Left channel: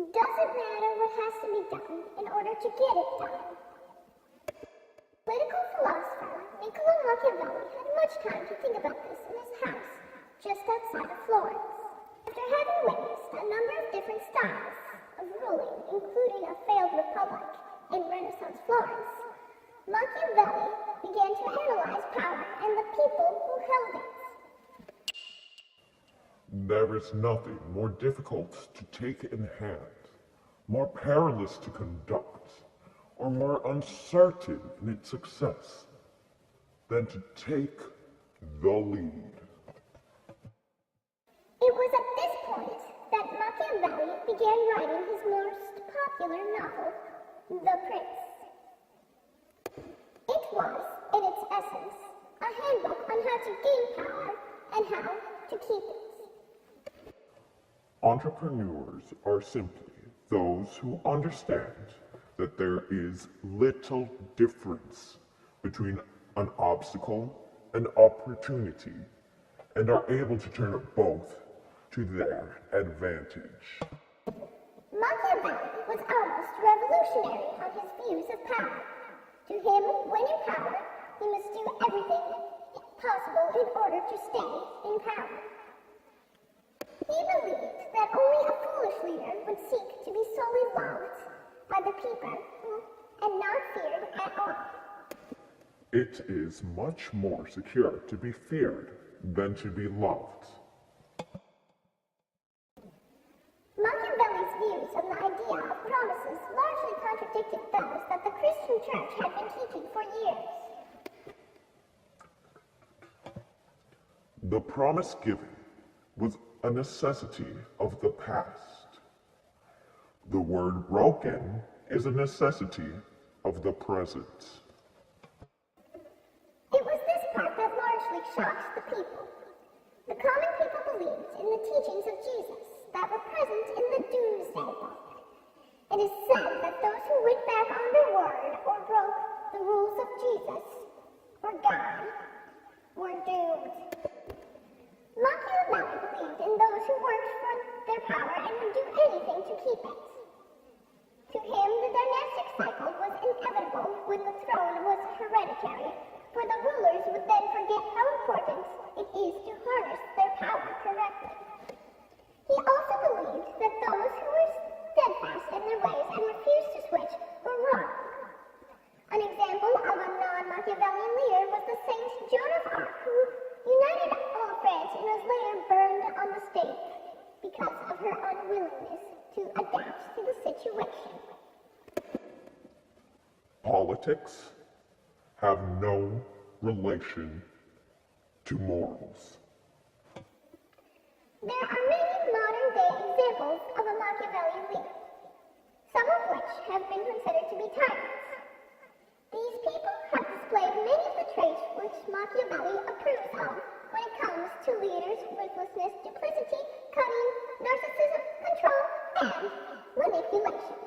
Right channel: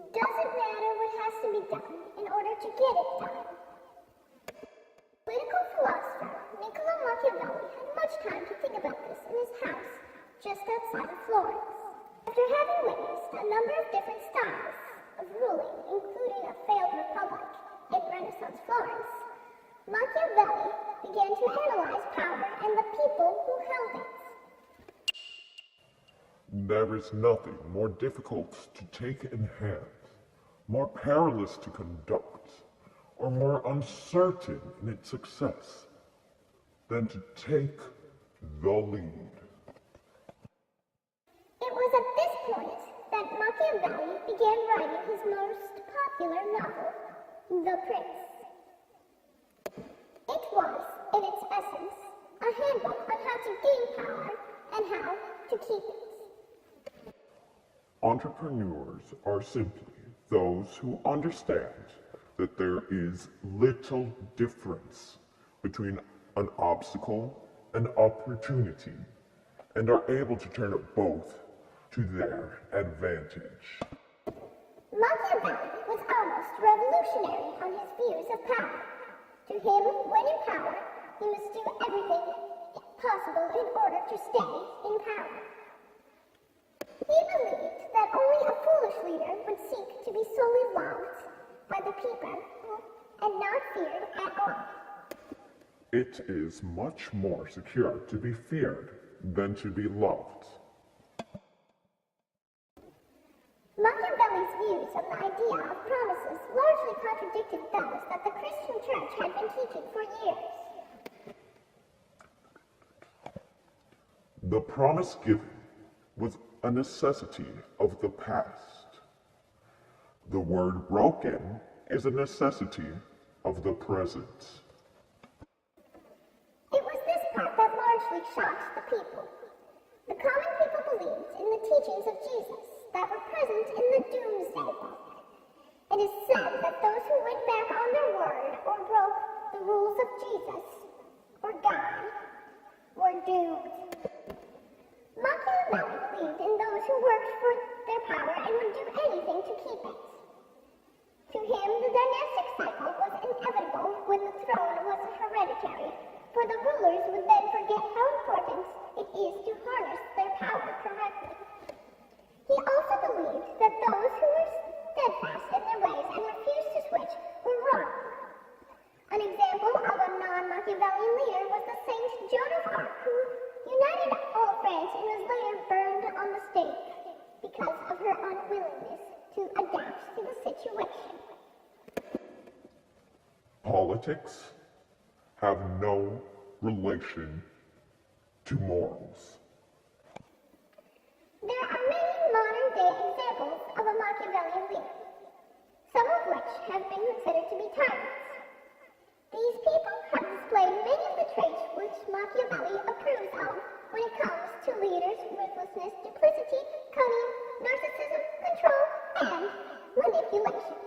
Doesn't matter what has to be done in order to get it done. Political philosopher Niccolo Machiavelli had much time to think about this in his house just outside of Florence. After having witnessed a number of different styles of ruling, including a failed republic in Renaissance Florence, Machiavelli began to analyze power and the people who held it. There is nothing more difficult to take in hand, more perilous to conduct, or more uncertain in its success than to take the lead. It was at this point that Machiavelli began writing his most popular novel, The Prince. It was, in its essence, a handbook on how to gain power and how to keep it. Entrepreneurs are simply those who understand that there is little difference between an obstacle and opportunity and are able to turn both to their advantage. Machiavelli was almost revolutionary on his views of power. To him, when in power, he must do everything possible in order to stay in power. He believed that only a foolish leader would seek to be solely loved by the people and not feared at all. It is much more secure to be feared than to be loved. Machiavelli's views on the idea of promises largely contradicted those that the Christian Church had been teaching for years. The promise given was a necessity of the past. The word broken is a necessity of the present. It was this part that largely shocked the people. The common people believed in the teachings of Jesus that were present in the Doomsday Book. It is said that those who went back on their word or broke the rules of Jesus or God were doomed. Machiavelli believed in those who worked for their power and would do anything to keep it. To him, the dynastic cycle was inevitable when the throne was hereditary, for the rulers would then forget how important it is to harness their power correctly. He also believed that those who were steadfast in their ways and refused to switch were wrong. An example of a non-Machiavellian leader was the Saint Joan of Arc, who united all of France and was later burned on the stake because of her unwillingness to adapt to the situation. Politics have no relation to morals. There are many modern-day examples of a Machiavellian leader, some of which have been considered to be tyrants. These people have displayed many of the traits which Machiavelli approves of when it comes to leaders' ruthlessness, duplicity, cunning, narcissism, control, and manipulation.